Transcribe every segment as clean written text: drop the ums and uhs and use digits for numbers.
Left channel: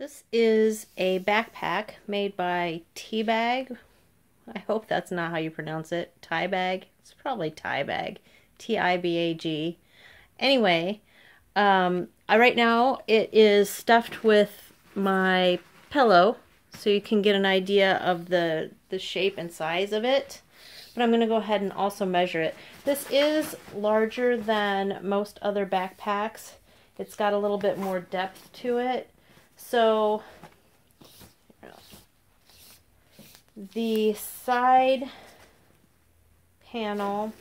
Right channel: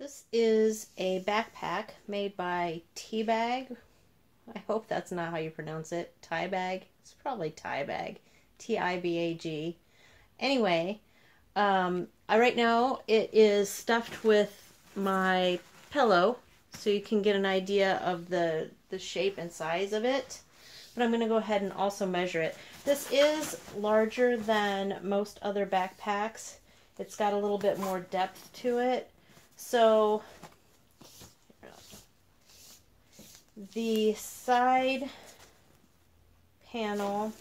This is a backpack made by Tibag. I hope that's not how you pronounce it. Tibag. It's probably Tibag. T-I-B-A-G. Anyway, right now it is stuffed with my pillow, so you can get an idea of the shape and size of it. But I'm going to go ahead and also measure it. This is larger than most other backpacks. It's got a little bit more depth to it. So the side panel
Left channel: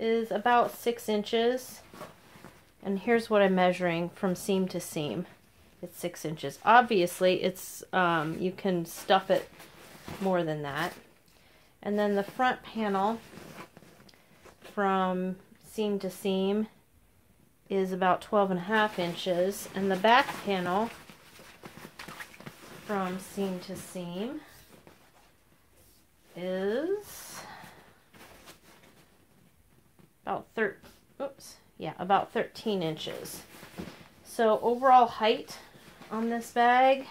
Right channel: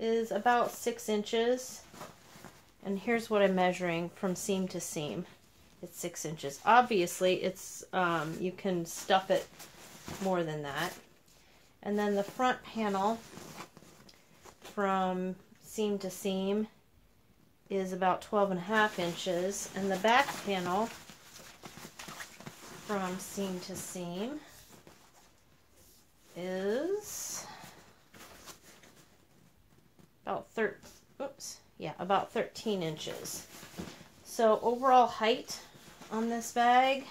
is about 6 inches. And here's what I'm measuring from seam to seam. It's 6 inches. Obviously, it's you can stuff it more than that. And then the front panel from seam to seam is about 12.5 inches, and the back panel from seam to seam is about 13 inches. So overall height on this bag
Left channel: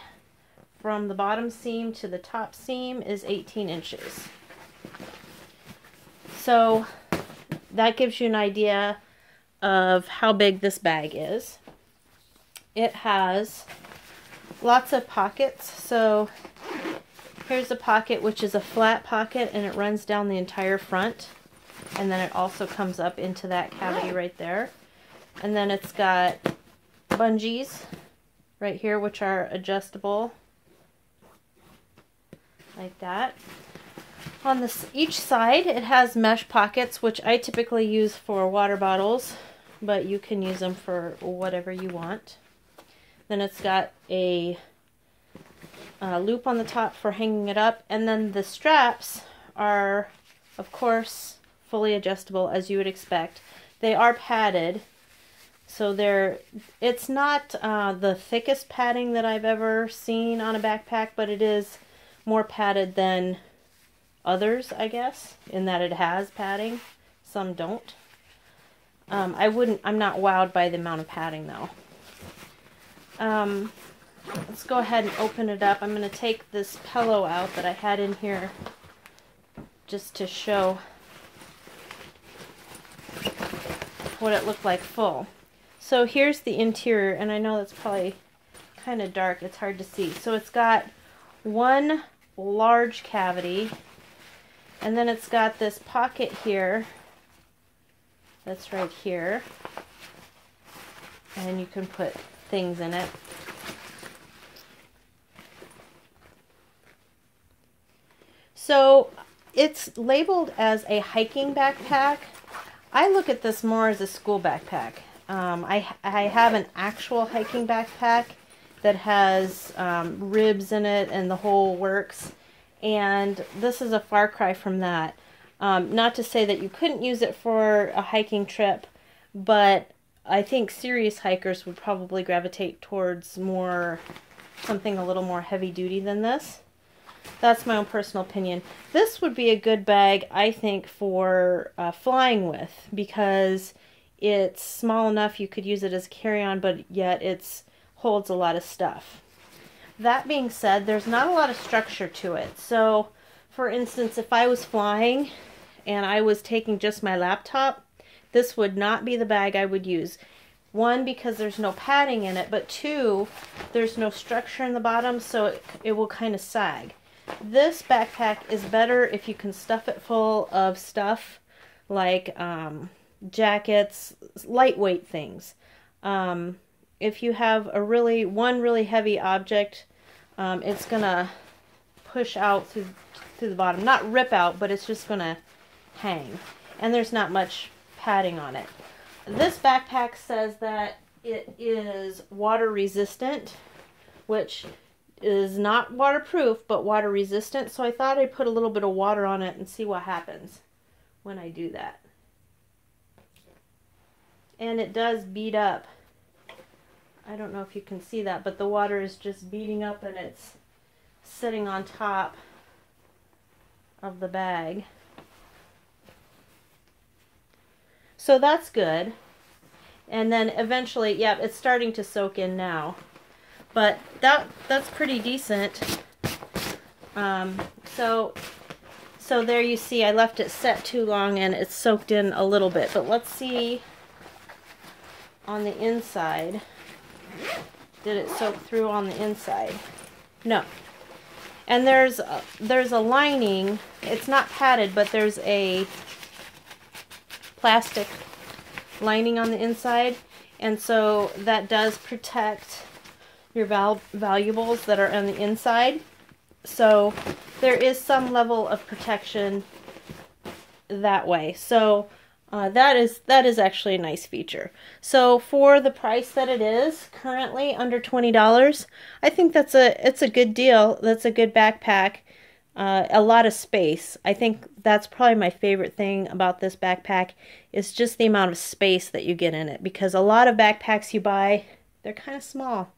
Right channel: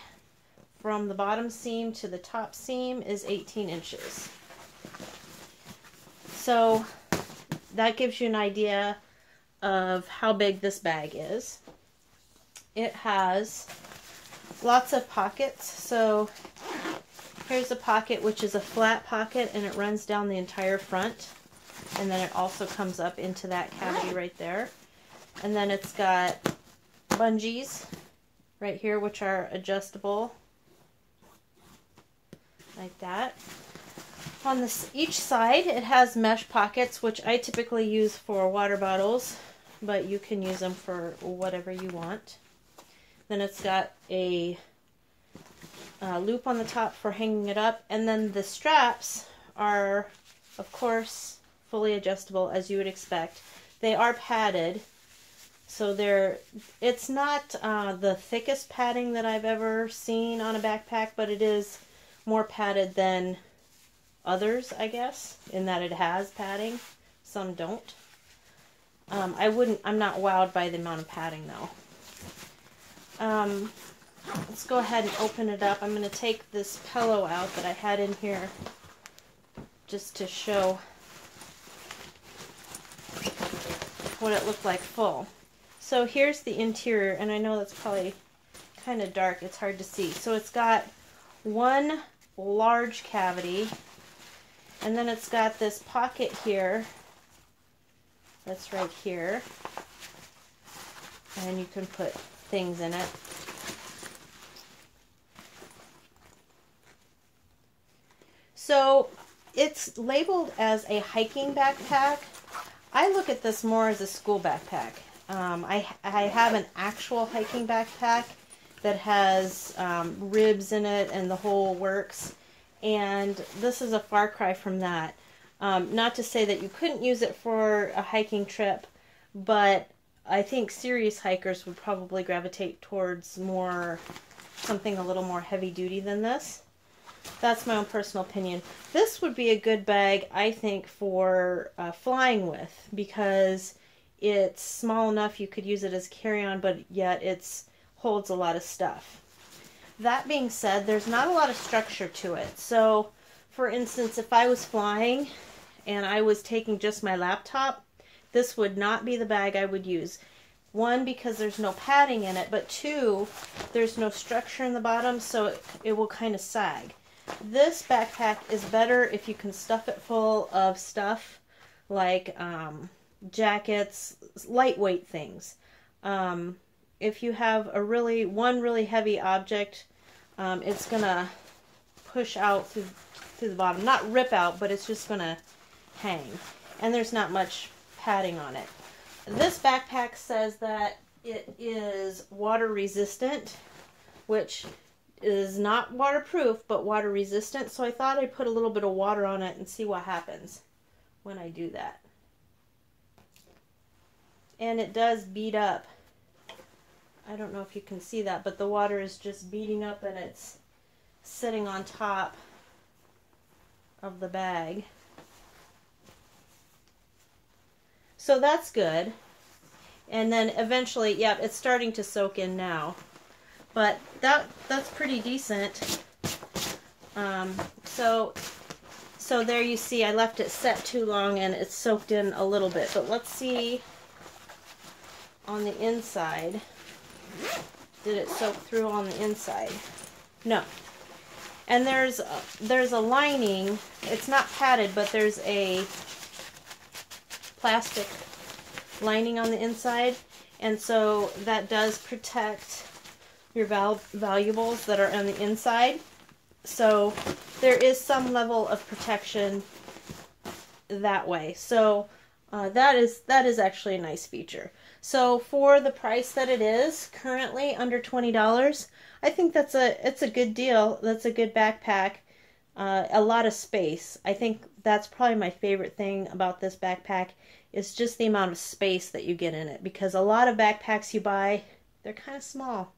from the bottom seam to the top seam is 18 inches. So that gives you an idea of how big this bag is. It has lots of pockets. So here's a pocket, which is a flat pocket, and it runs down the entire front. And then it also comes up into that cavity right there. And then it's got bungees right here, which are adjustable like that. On each side, it has mesh pockets, which I typically use for water bottles, but you can use them for whatever you want. Then it's got a loop on the top for hanging it up, and then the straps are, of course, fully adjustable, as you would expect. They are padded, so it's not the thickest padding that I've ever seen on a backpack, but it is more padded than others, I guess, in that it has padding. Some don't. I'm not wowed by the amount of padding though. Let's go ahead and open it up. I'm going to take this pillow out that I had in here just to show what it looked like full. So here's the interior, and I know that's probably kind of dark. It's hard to see. So it's got one large cavity, and then it's got this pocket here that's right here, and you can put things in it. So it's labeled as a hiking backpack. I look at this more as a school backpack. I have an actual hiking backpack that has ribs in it and the whole works, and this is a far cry from that. Not to say that you couldn't use it for a hiking trip, but I think serious hikers would probably gravitate towards something a little more heavy duty than this. That's my own personal opinion. This would be a good bag, I think, for flying with, because it's small enough you could use it as carry-on, but yet it holds a lot of stuff. That being said, there's not a lot of structure to it. So, for instance, if I was flying and I was taking just my laptop, this would not be the bag I would use. One, because there's no padding in it, but two, there's no structure in the bottom, so it will kind of sag. This backpack is better if you can stuff it full of stuff like jackets, lightweight things. If you have one really heavy object, it's gonna push out through the bottom. Not rip out, but it's just gonna hang. And there's not much padding on it. This backpack says that it is water resistant, which is not waterproof, but water resistant. So I thought I'd put a little bit of water on it and see what happens when I do that. And it does bead up. I don't know if you can see that, but the water is just beading up and it's sitting on top of the bag. So that's good. And then eventually, yeah, it's starting to soak in now. but that's pretty decent. So there you see I left it set too long and it's soaked in a little bit, but let's see on the inside. Did it soak through on the inside? No. And there's a lining. It's not padded, but there's a plastic lining on the inside, and so that does protect your valuables that are on the inside. So there is some level of protection that way. So that is actually a nice feature. So for the price that it is, currently under $20, I think it's a good deal. That's a good backpack. A lot of space. I think that's probably my favorite thing about this backpack is just the amount of space that you get in it, because a lot of backpacks you buy, they're kind of small.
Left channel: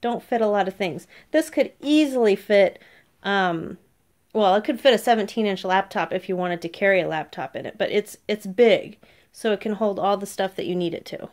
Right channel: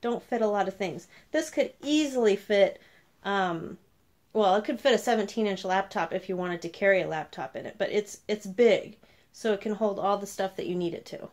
Don't fit a lot of things. This could easily fit, well, it could fit a 17-inch laptop if you wanted to carry a laptop in it, but it's big, so it can hold all the stuff that you need it to.